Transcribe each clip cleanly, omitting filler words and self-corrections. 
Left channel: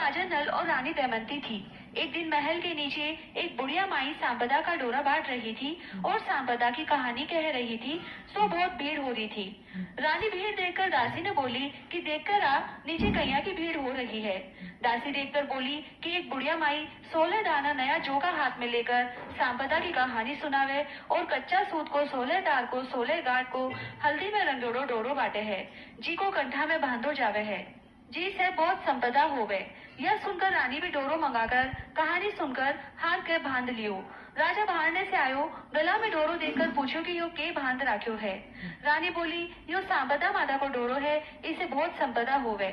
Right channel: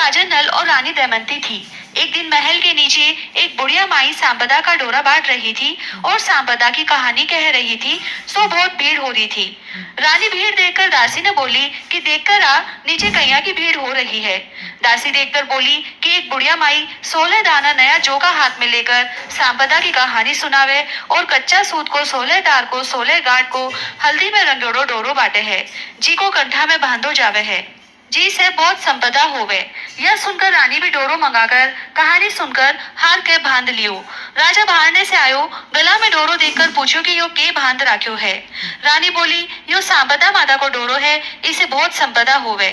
राजा नल और रानी दमयंती थी। एक दिन महल के नीचे एक बुढ़िया माई सांपदा का डोरा बांट रही थी और सांपदा की कहानी कह रही थी। सो बहुत भीड़ हो रही थी। रानी भीड़ देखकर दासी ने बोली कि देखकर आ, नीचे कैया की भीड़ हो रही है। दासी देखकर बोली कि एक बुढ़िया माई 16 दाना नया जोका हाथ में लेकर सांपदा की कहानी सुनावे और कच्चा सूत को 16 तार को 16 गांठ को हल्दी में रंगोड़ो डोरो बांटे है, जी को कंठा में बांधो जावे है, जी से बहुत संपदा होवे। यह सुनकर रानी भी डोरो मंगाकर कहानी सुनकर हार के बांध लियो। राजा बाहरने से आयो, गला में डोरो देखकर पूछो कि यो के बांध राख्यो है। रानी बोली यो सांपदा माता को डोरो है, इसे बहुत संपदा होवे।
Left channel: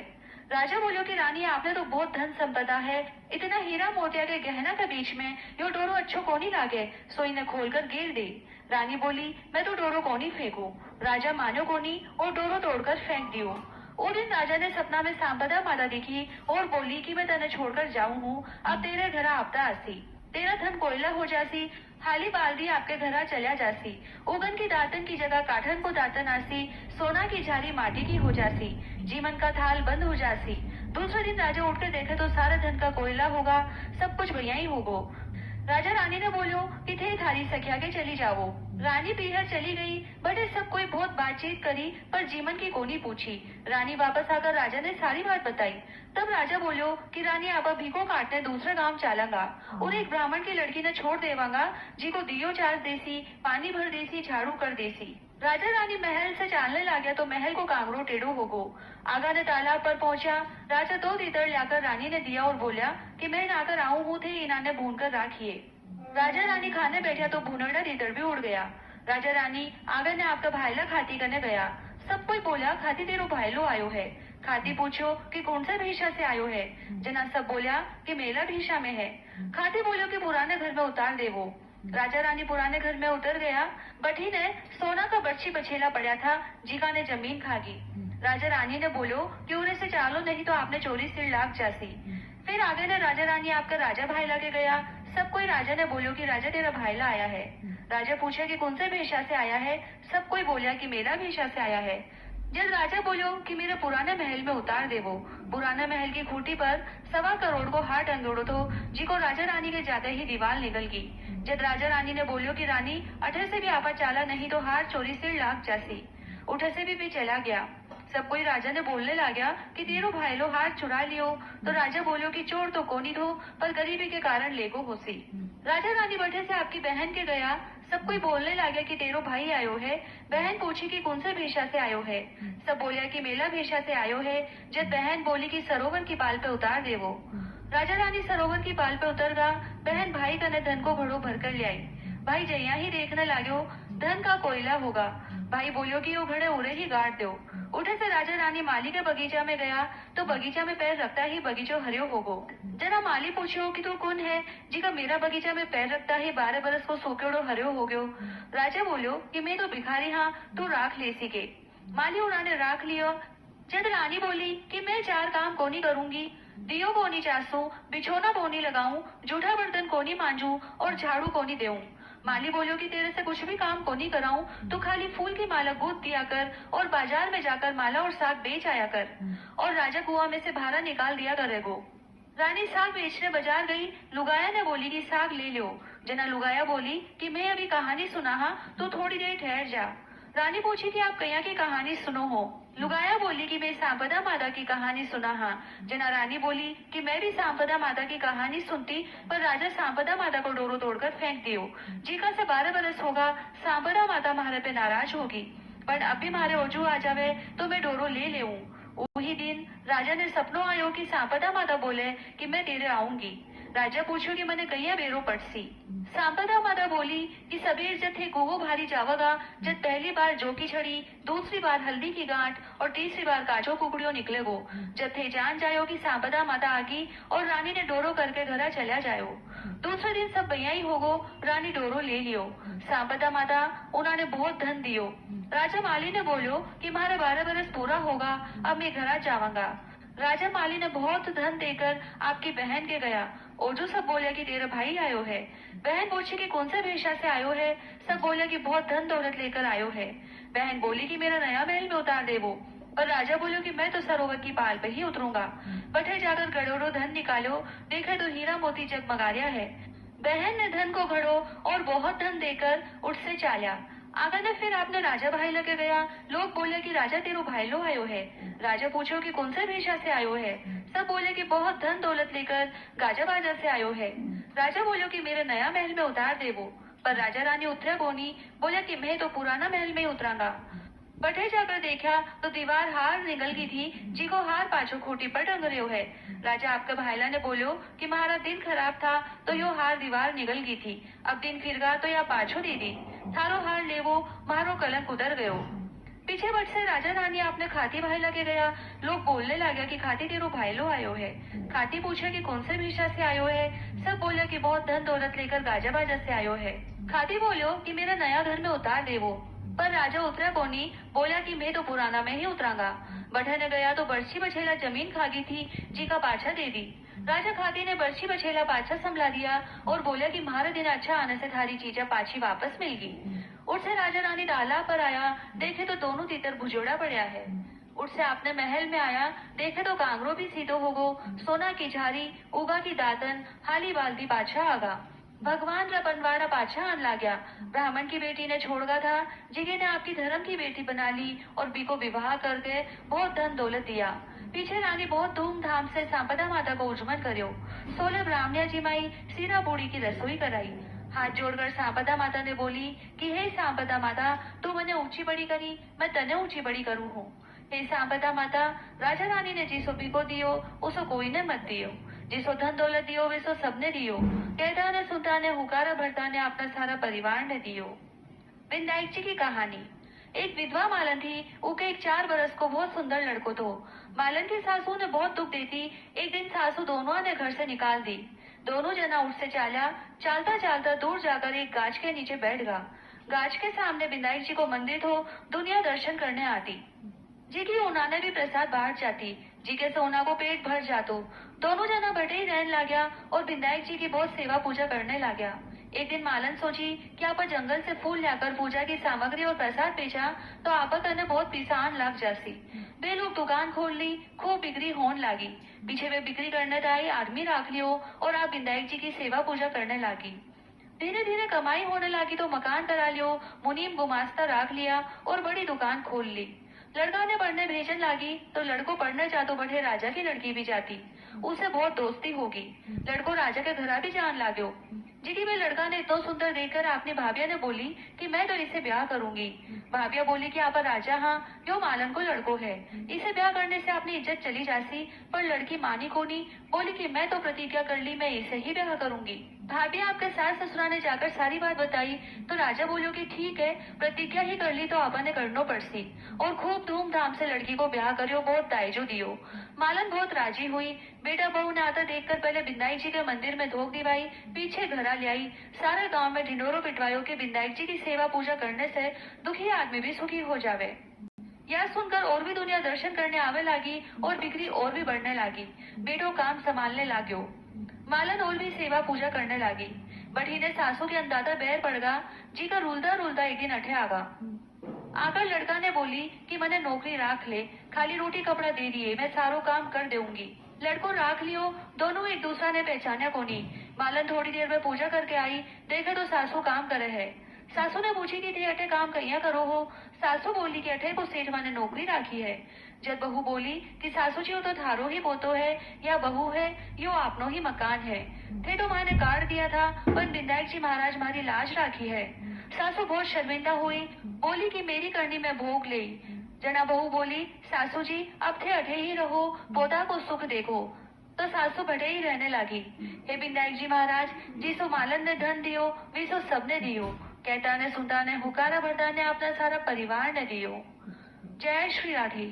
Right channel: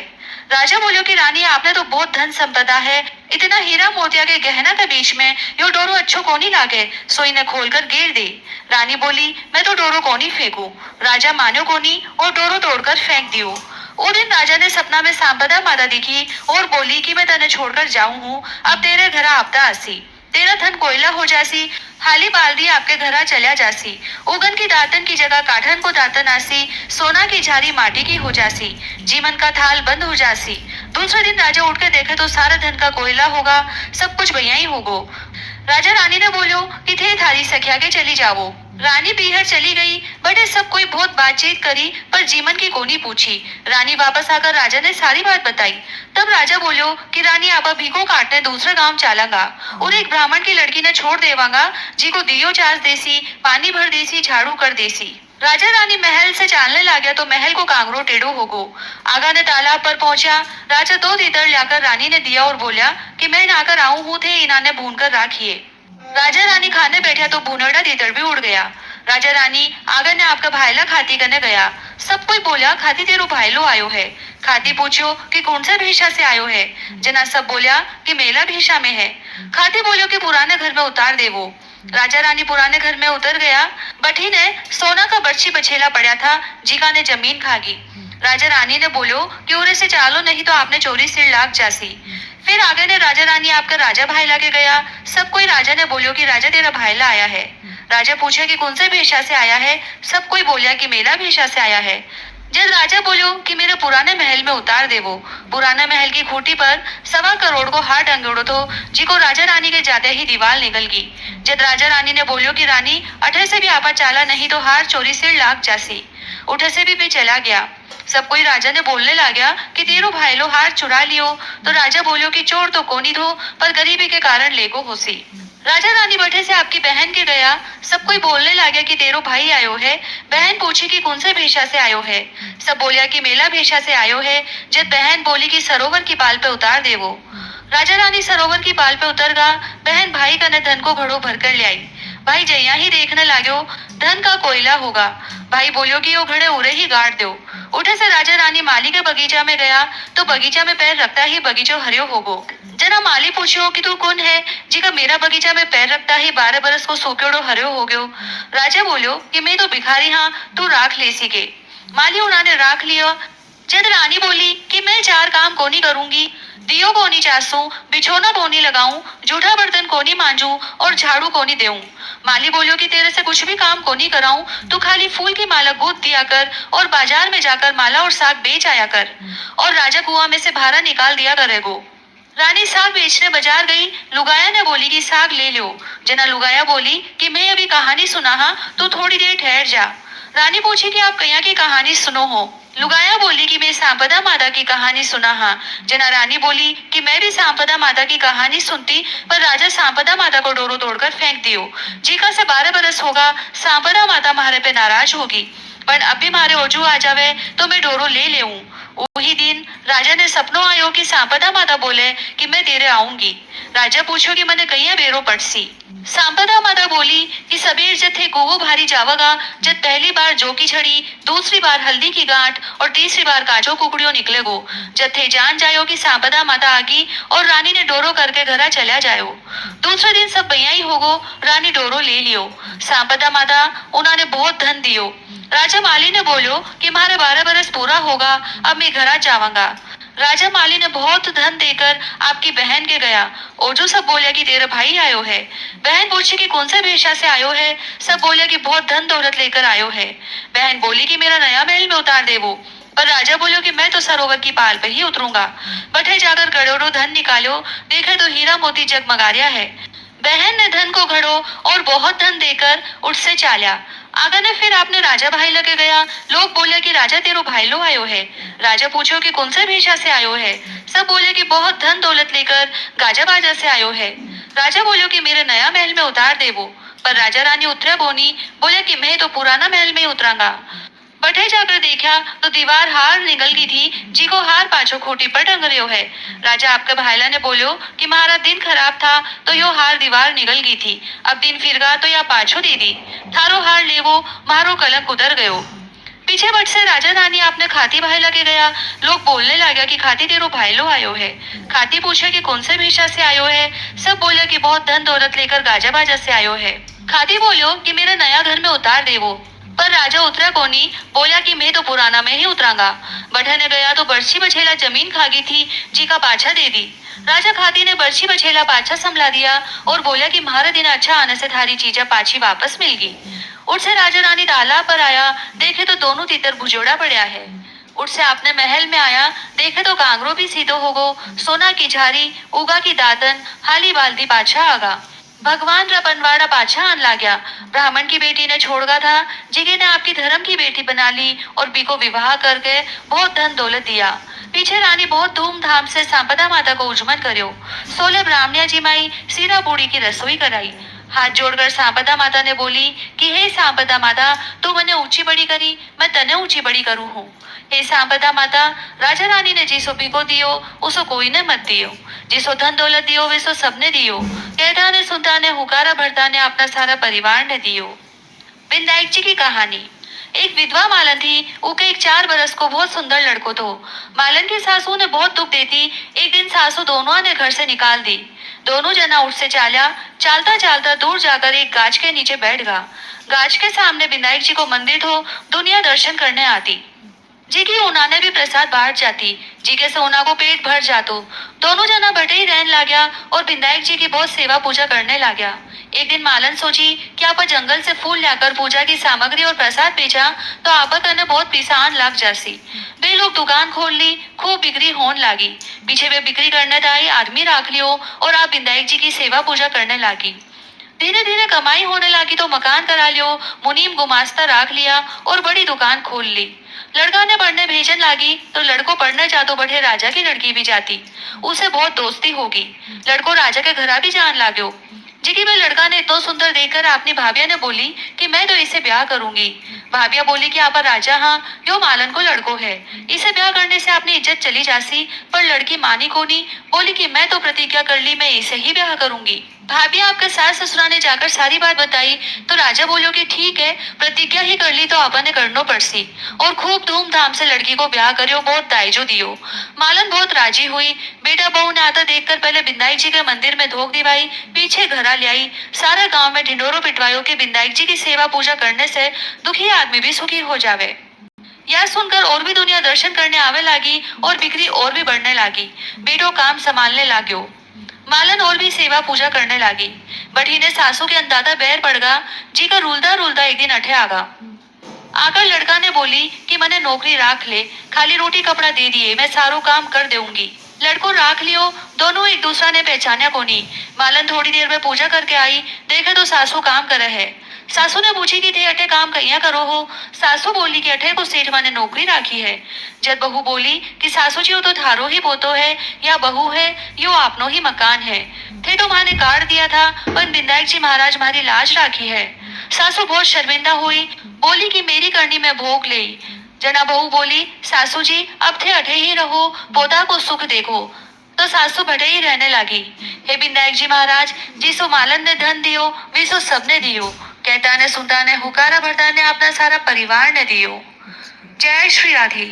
राजा बोलियो कि रानी आपने तो बहुत धन संपदा है, इतना हीरा मोतिया के गहना के बीच में यो डोरो अच्छो कोनी लागे, सो इन्हें खोलकर गिर दे। रानी बोली मैं तो डोरो कोनी फेंकू। राजा मानो कोनी और डोरो तोड़कर फेंक दियो। वो दिन राजा ने सपना में सांपदा माता दिखी और बोली कि मैं तने छोड़कर जाऊं हूँ, अब तेरे घर आपदा आसी, तेरा धन कोयला हो जासी, हाली बाल्दी आपके घरा चला जासी, उगन की दातन की जगह काठन को दातन आसी, सोना की झारी माटी की हो जासी, जीवन का थाल बंद हो जासी। दूसरे दिन राजा उठ के देखे तो सारा धन का कोयला होगा, सब कुछ भैया ही होगो। राजा रानी ने बोलो कि थे थारी सखिया के चली जाओ। रानी पीहर चली गई। बटे सब कोई बहुत बातचीत करी पर जीवन की कोनी पूछी। रानी वापस आकर राजा ने सारी बात बताई। तब राजा बोलो कि रानी आप भीखो काटने दूसरे गांव चलांगा और एक ब्राह्मण की लड़की ने छोड़ देवांगा, जी को दियो चार देसी, पानी भर देसी, झाड़ू कर देसी। राजा रानी महल से चालने लगा तो महल को कांगरो टेढ़ो हो गो। आगा ने तालाब पर पहुंचा। राजा 2 तीतर लाकर रानी ने दिया और बोला कि मैं नाकर आऊं हूँ थे इन्होंने भून कर राखिए। राजा रानी खाने बैठा तो भुनड़ा तीतर भी उड़ गया। राजा रानी आगा ने आपका भाईला खाती करने गया। सब कोई बोला खाती तेरो भाईलो आयो है। खाती पूछो कि कौन सा भेषा से आयो है। जना सब बोला कि मेला भेषा में है। खाती बोलो कि पुराने घर में उतार देवो। राजा रानी पुराने घर में उतर गया। बठी ने सोना का बर्छी बछेला पड़ा था, जीका ने जमीन खागी। राजा रानी ने बोलो कि उरे से चालो नहीं तो आपने चोरी सिर लाग जासी। फिर आगे ने राजा रानी आपका राजा भाई लागे गया। सब कोई राजा ने बोलो कि राजा तेरा भाईला आया है। राजा पूछा कि कौन से भेषा से आया है। सब कोई बोलिया कि मेला भेषा से आया है। जब राजा बोलो कि मेरे पुराने महल में उतार देवो। पुराने महल की खूंटी पर 1.25 करोड़ को हार टंगोड़ो तो जी को राजा रानी के जाते ही दीवार निकल गई। जब राजा रानी ने बोलो कि रानी अठे से भी आपा चाला नहीं तो हार चोरी सिर लाग जासी। उठे से भी चला गया। सब कोई राजा ने बोलने लगा कि तेरो भाईलो हार चुरा लियो। तो राजा बोलो कि चोर तो कोनी थो पर गरीबी के कारण लेगो होसी। राजा रानी बठे से आपकी बहन के गया। सब कोई बोलने लगा कि तेरो भाई आयो है। बहन पूछी कि कौन से भेषा से आयो है। सब बोलिया कि मेला भेषा से आयो है। जब बहन बोली कि सरोवर की पाल पे उतार देवो। राजा रानी सरोवर की पाल पे उतर गा। बहन भाई कने धन को घड़ो भरकर ले आई। भाई जैया ही देखने लागो धन का कोयला होगा। भाई बोलियो कि वो घड़े उरे ही गाड़ दो। उठे से राजा रानी माली के बगीचा में गया तो बगीचा में पैर रखता ही बगीचो हरियो होगो। जना माली पूछो कि तू कौन है, जी का मेरा बगीचा में पैर रखता ही 12 बरस को सूखेड़ो हरियो हो गयो। राजा बोलियो कि मैं तो भिखारी हाँ, तू राख ले सी के। माली उन्होंने राख लिया। जब रानी बोली कि मैं 4 काम कोनी करूंगी, दियो कोनी चासू, बिछोना कोनी लगाऊं, जूठा बर्तन कोनी मांजू और झाड़ू कोनी देऊं। माली बोलियो कि तेरे से कुछ भी काम कोनी कराऊं, तू खाली फूल की माला गूंथ दिया कर और बाजार में जाकर माला और साग बेच आया कर और राजा कुआं में से भारा निकाल दिया करेगो। रानी साग बेचने बाजार गई। लुगाया ने बोली कि साग ले लो। जना लुगाया बोली कि मैं अभी कहानी सुना हाँ, तो थोड़ी देर ठहर जा। रानी पूछी कि आप कैया की कहानी सुनो हो। लुगाया बोली कि मैं सांपदा माता की कहानी सुना हाँ। जना रानी बोली कि मैं भी सांपदा माता की कहानी सुनती पर राजा सांपदा माता को डोरो तोड़कर फेंक दियो। जीका से 12 बरस होगा सांपदा माता मारे पे नाराज होगी, पर अब भी मारे ओजू आ जावे तो मैं डोरो ले लेऊं। वही दिन राजा ने सपनों आयो कि सांपदा माता बोले कि मैं तेरे आऊंगी। राजा पूछो कि मैंने कहिया बेरो पड़सी। सांपदा माता बोली कि सबेर जथे गोवो भारी जावगा, जब पहली बार जो की छड़ी, दूसरी बार हल्दी की गांठ और तीसरी बार काजो कुकड़ियों निकलेगो। जथे जान जायो कि सांपदा माता आगी और रानी ने डोरो करके घरा चला जायो। दूसरे दिन सब भैया ही होगो। रानी डोरो ले लियो। सांपदा माता उन्होंने बहुत धन दियो। राजा माली ने बोलो कि मारे 12 बरस पूरा होगा, अब मैं घरा जावांगा। राजा माली ने बहुत धन देकर आपकी बहन के गया और जो सब बोले कि तेरा भाई आयो है। बहन पूछी कि कौन सा भेषा से आयो है। सब बोले कि बहुत धन दौलत लेकर आयो है। बहन बोली कि मेरा नया महल में उतार देवो। पर राजा बोलो कि मैं तो सरोवर की पाल पे ही उतरूंगा। बटे जाकर करोड़ों धन निकालो, देखे तो हीरा मोती जगमगा रहा है। बहन ने धन को घड़ो और बहुत धन देकर उससे चाल्या। आगा ने फिर आपने राजा भाई लगे गया। लोग बोले कि राजा तेरो भाई लो आयो है। राजा पूछो कि कौन से भेषा से आयो है। सब बोले कि बहुत धन दौलत लेकर गाजा बाजा से आयो है। राजा बोलो कि मेरे नया महल में उतार देवो। पर राजा रानी उतरे बोनी, बोले कि मैं तो पुराना महल में ही उतरांगा। बठे जाकर देखा तो दीवार हार निकल गई थी, जी को हार पाछो खोटी पर टंग रहो है। राजा आपके भाईला ने बोलो कि मारा दिन खराब था तो यो हार दीवार निकल गई थी, अब दिन फिर गा तो या पाछो दे दी। थारो हार लेवो, मारो कलंक उतर गयो। पीछे बट से राजा रानी आपने खाती भाई लगे गया। लोग बोलने लगा कि खाती तेरो भाई लो आयो है। खाती पूछे कि कौन से भेषा से आयो है। सब बोले कि बहुत धन दौलत लेकर गाजा बाजा से आयो है। खाती बोलो कि मेरे नया घर में उतार देवो। पर राजा उतरा कोनी, बोला कि मैं तो पुराना में ही उतरांगा। बढ़ने गया तो बर्छी बछेला जमीन खा गई थी, जी का पाछा दे दी। राजा खाती ने बर्छी बछेला पाछा संभला दिया और बोला कि मारे दिन अच्छा आने से थारी चीजें पाछी वापस मिल गई। उससे राजा रानी तालाब पर आया, देखे तो दोनों तीतर भुजोड़ा पड़ा है। उससे आपने महल में आया, देखे तो कांगरो भी सीधो हो गो, सोना की झारी, उगा की दातन, हाली बाल्दी पाछा आगा। भगवान रा बनवाड़ा पाछा आन लाग्या। ब्राह्मण की बेटी ने छोड़गा था, जिगे ने आपकी धर्म की बेटी बना ली और बी को विवाह करके बहुत धन दौलत दिया। पीछे रानी बहुत धूमधाम से सांपदा माता को उजमन कर्यो। 16 ब्राह्मणिया जी माई सीरा पूड़ी की रसोई कराई। हाथ जोड़कर सांपदा माता ने बोली कि हे सांपदा माता, तू मने ऊंची बड़ी करी, मैं तने ऊंची बड़ी करूं हूँ। हे सांपदा माता, राजा रानी ने जिसो पीको दियो उसो कोई ने मत दियो, जिसो धन दौलत दियो वैसो सबने दियो। कहता ने सुनता ने हुकारा भरता ने अपना सारा परिवार ने दियो। विनायक जी की कहानी। एक विधवा मालन थी, उके एक 4 बरस को बहुत सुंदर लड़को तो। मालन की सासू ने बहुत दुख देती। एक दिन सासू दोनों ने घर से निकाल दी। दोनों जना उठ से चाला। चालता चालता दूर जाकर एक गाछ के नीचे बैठ गया। गाछ के सामने विनायक जी को मंदिर थो, दुनिया दर्शन करने आती। जी की ऊना ने भी प्रसाद बांट जाती, जी के सोना को पेट भर जातो। दोनों जना बटे ही रहने लाग्या और विनायक जी की बहुत सेवा पूजा करने लाग्या। एक दिन मालन सोची कि आप जंगल से फूल लाकर पूजा की सामग्री और प्रसाद बेचा तो आप कने बहुत पिसान लग जासी। वे लोग दुकान खोल ली, खूब बिक्री होने लगी। पीछे वे बिक्री करने आई आदमी राख लियो और आप विनायक जी की सेवा पूजा करने लगी। धीरे धीरे कमाई होने लगी तो मकान करा लियो, मुनीम गुमास्ता राख लिया और बड़ी दुकान खोल ली। लड़का ने पढ़ने भेजन लागी तो लड़को पढ़ने जातो बैठे राजा की लड़की भी जाती। उसे बहुत दोस्ती होगी। लड़को राजा के घरा भी जान लाग्यो। जिकी में लड़का ने इतना सुंदर देखकर अपनी भाभिया ने बोली कि मैं तो इसे ब्याह करूंगी। भाभिया बोली कि आप राजा हाँ, यो मालन को लड़को है, इसे ब्याह करने से अपनी इज्जत चली जासी। पर लड़की मानी को नहीं, बोली कि मैं तो प्रतिज्ञा कर ली, मैं इसे ही ब्याह करूंगी। भाभी आपके सास ससुरा ने जाकर सारी बात बताई तो राजा बोलो कि ठीक है, प्रतिज्ञा ही कर ली तो आपा ने करनो पड़सी। और खूब धूमधाम से लड़की को ब्याह करियो, बहुत दायजो दियो। मालन बहुत राजी हुई। बेटा बहू ने आता देखकर पहले विनायक जी के मंदिर में धोख दिवाई, पीछे घरा ले आई। सारा गांव में ढिंडोरो पिटवायो कि विनायक जी की सेवा पूजा करने से दुखी आदमी भी सुखी हो जावे। यह सुनकर और भी दुनिया दर्शन करने आवे लागी और बिक्री और भी बढ़ने लागी। बेटो काम संभालने लाग्यो। मालन और भी सेवा पूजा करने लगी। बड़ी ने सासू के अंदाजा बैर पड़ गा। जी का रुलदा रुलदा एक दिन अठे आगा। आकर लड़का ने बोली कि मने नौकरी राख ले, खाली रोटी कपड़ा दे दिए, मैं सारो काम कर दूंगी। लड़को राख लियो। दोनों एक दूसरा ने पहचाना कोनी। मालन थोड़ी देर में पूजा करके आई, देखे तो सासू काम करे है। सासू ने पूछी कि थे अठे काम कहिया करो हो। सासू बोली कि अठे को सेठ माने नौकरी राखी है। जब बहू बोली कि सासू जी वो तो थारो ही पोतो है या बहू है, यो आपनो ही मकान है। थे तो माने काट दिया था, पर विनायक जी महाराज मारी लाज राखी है। सासू बहुत शर्मिंदा हुई, बोली कि मेरी करनी में भोग ले। जना बहू बोली सासू जी अब थे अठे ही रहो, पोता को सुख देखो। तो सासू भटे ही रहने लगी। हे विनायक जी महाराज, जिसो मालन ने धन दियो विसो सबने दियो। कहता ने सुनता ने हुकारा भरता ने अपना सारा परिवार ने दियो। जय श्री राधे।